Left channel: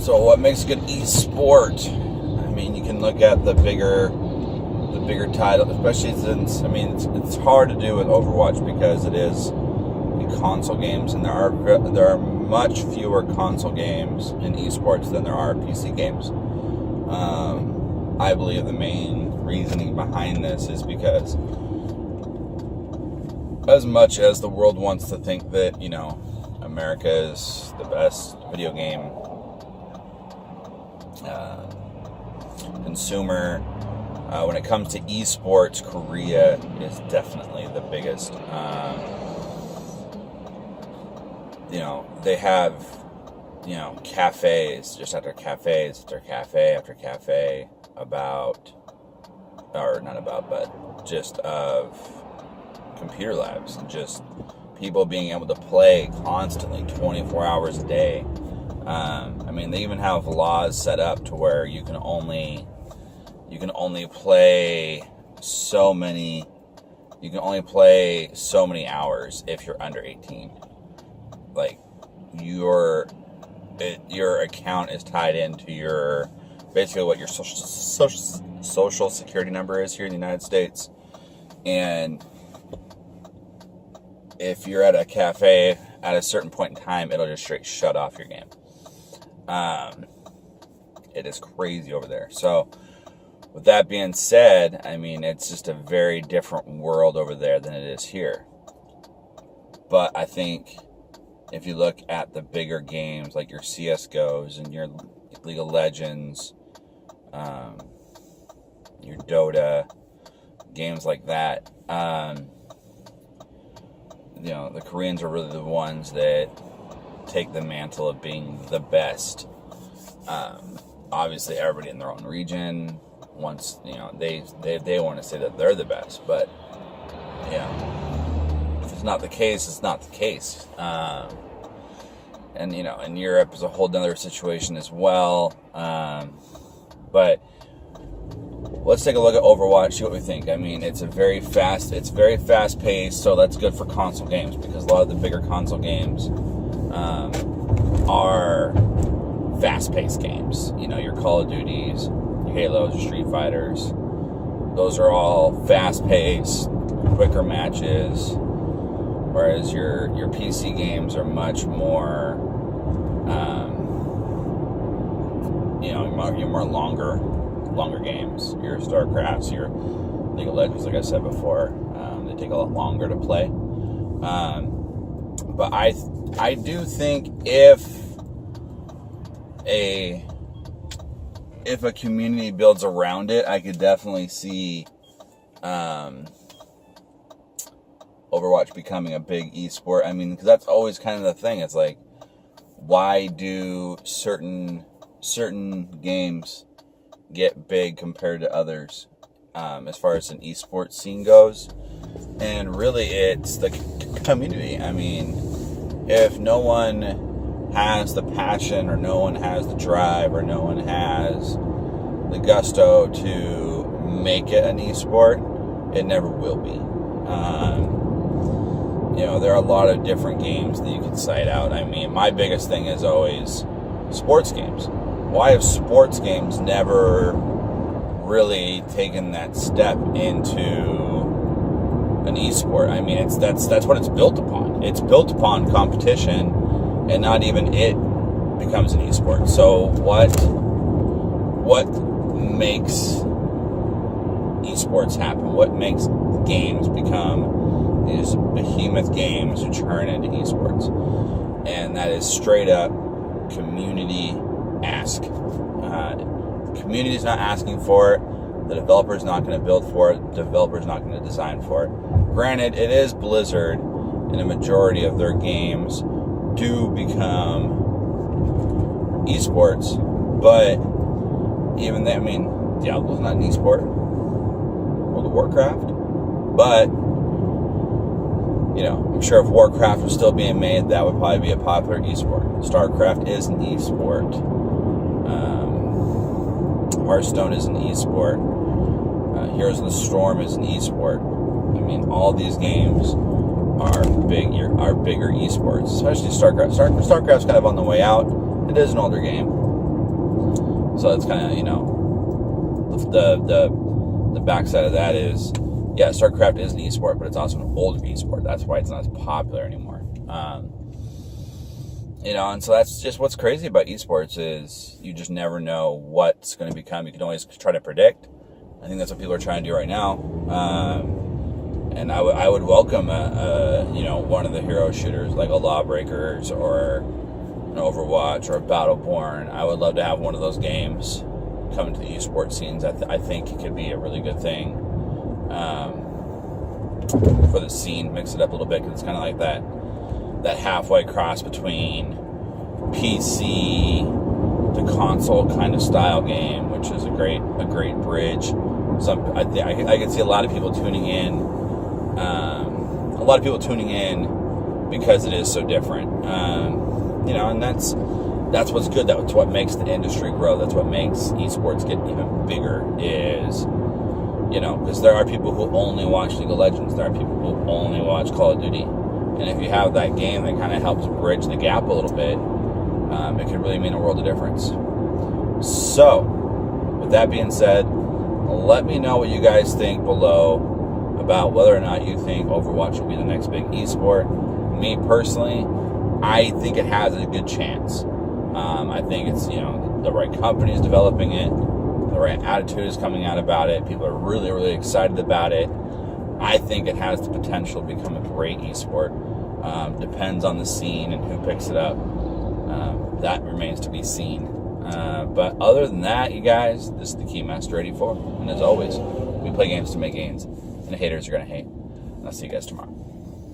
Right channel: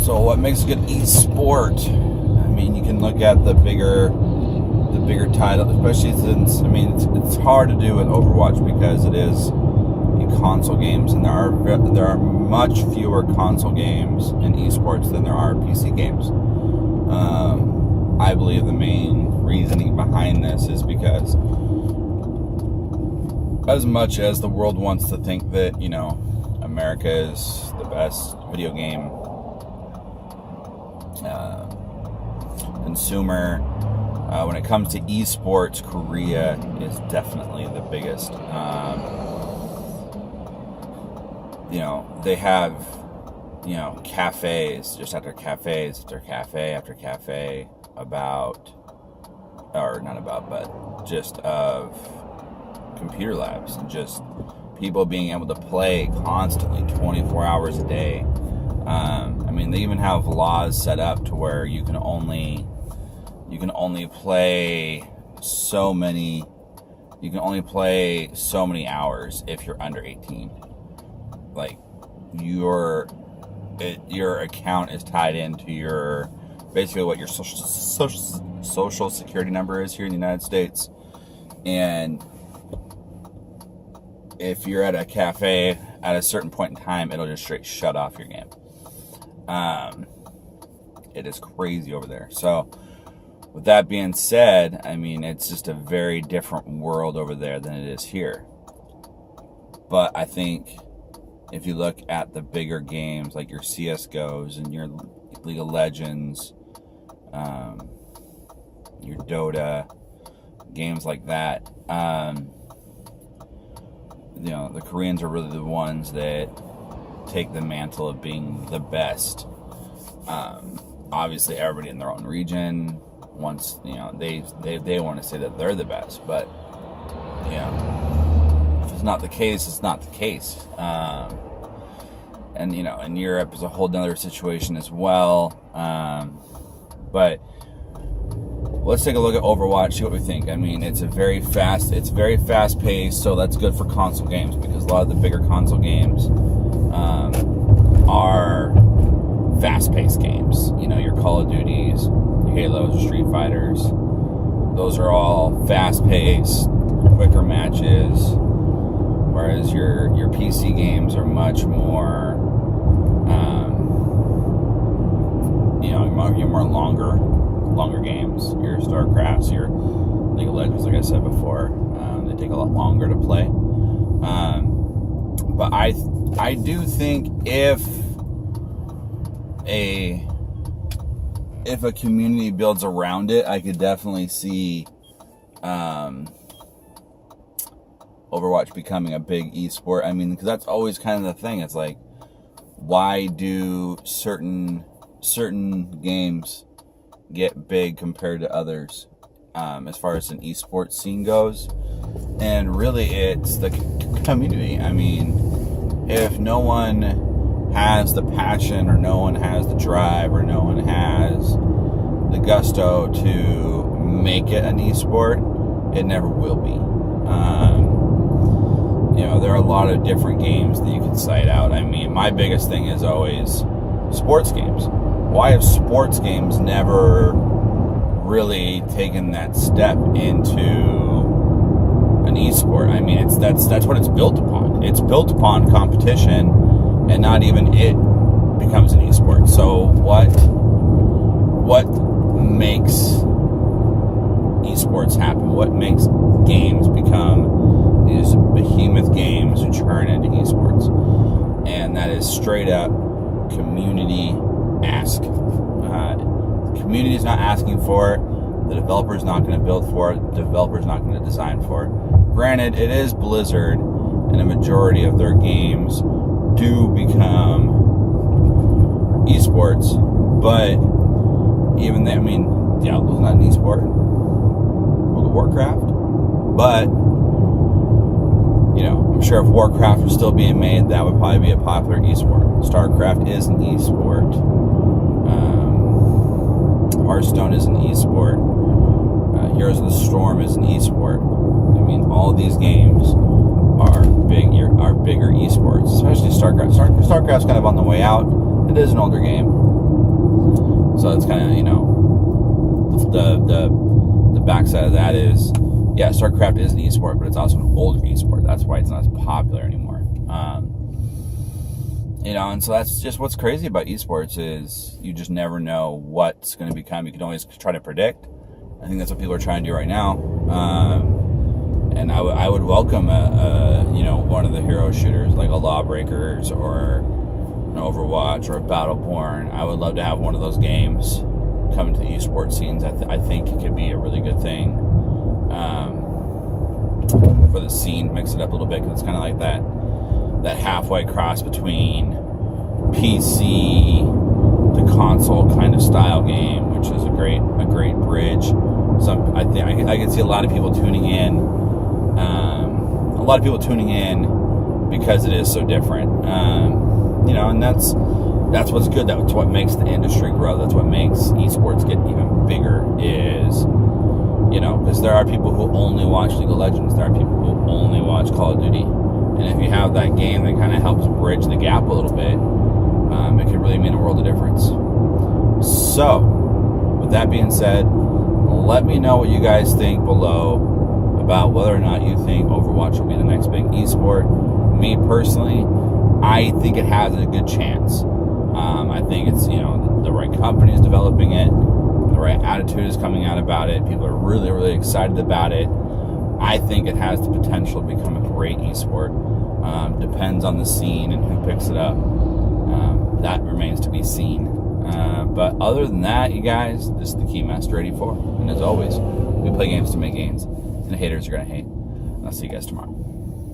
So what makes a good e-sport? I mean, you can look at the bigger title, especially since, I mean, it's hard to do with Overwatch because it is console games, and there are much fewer console games in esports than there are PC games. I believe the main reasoning behind this is because as much as the world wants to think that, you know, America is the best video game consumer, when it comes to esports, Korea is definitely the biggest. You know, they have, you know, cafes, just after cafes, after cafe, after cafe, just of computer labs, and just people being able to play constantly 24 hours a day. I mean, they even have laws set up to where you can only play so many hours if you're under 18. Like, your account is tied into your, basically what your social security number is here in the United States. And if you're at a cafe at a certain point in time, it'll just straight shut off your game. It is crazy over there. So with that being said, I mean, it's just a very different world over there than it is here. But I think if you look at the bigger games like your CSGOs and your League of Legends, your Dota, games like that, you know, the Koreans are really the ones that take the mantle of being the best. Obviously, everybody in their own region wants, you know, they want to say that they're the best, but, you know, if it's not the case, it's not the case. And, you know, in Europe is a whole other situation as well. But let's take a look at Overwatch, see what we think. I mean, it's very fast paced, so that's good for console games, because a lot of the bigger console games are fast paced games. You know, your Call of Duties, your Halos, your Street Fighters, those are all fast paced, quicker matches. Whereas your PC games are much more, you know, your more longer games. Your StarCrafts, your League of Legends, like I said before, they take a lot longer to play. But I do think if a community builds around it, I could definitely see Overwatch becoming a big esport. I mean, because that's always kind of the thing. It's like, why do certain games get big compared to others, as far as an esports scene goes? And really, it's the community. I mean, if no one has the passion, or no one has the drive, or no one has the gusto to make it an esport, it never will be. You know, there are a lot of different games that you can cite out. I mean, my biggest thing is always sports games. Why have sports games never really taken that step into an esport? I mean, that's what it's built upon. It's built upon competition, and not even it becomes an esport. So what makes esports happen? What makes games become these behemoth games who turn into esports? And that is straight up community ask. The community is not asking for it. The developer is not going to build for it. The developer is not going to design for it. Granted, it is Blizzard, and a majority of their games do become esports, but even then, I mean, Diablo's not an esport. World of Warcraft, but, you know, I'm sure if Warcraft was still being made, that would probably be a popular esport. StarCraft is an esport. Hearthstone is an esport. Heroes of the Storm is an esport. I mean, all these games are bigger esports, especially StarCraft. StarCraft's kind of on the way out. It is an older game, So it's kind of, you know, the backside of that is, yeah, StarCraft is an esport, but it's also an older esport. That's why it's not as popular anymore. You know, and so that's just what's crazy about esports is you just never know what's going to become. You can always try to predict. I think that's what people are trying to do right now. And I would welcome you know, one of the hero shooters like a Lawbreakers or an Overwatch or a Battleborn. I would love to have one of those games come into the esports scenes. I think it could be a really good thing for the scene. Mix it up a little bit, because it's kind of like that halfway cross between PC to console kind of style game, which is a great bridge. I can see a lot of people tuning in. Because it is so different. You know, and that's what's good. That's what makes the industry grow. That's what makes esports get even bigger. Is, you know, because there are people who only watch League of Legends. There are people who only watch Call of Duty. And if you have that game that kind of helps bridge the gap a little bit, it could really mean a world of difference. So, with that being said, let me know what you guys think below about whether or not you think Overwatch will be the next big esport. Me personally, I think it has a good chance. I think it's, you know, the right company is developing it, the right attitude is coming out about it. People are really, really excited about it. I think it has the potential to become a great esport. Depends on the scene and who picks it up. That remains to be seen. But other than that, you guys, this is the Keymaster 84. And as always, we play games to make gains. And the haters are going to hate. And I'll see you guys tomorrow.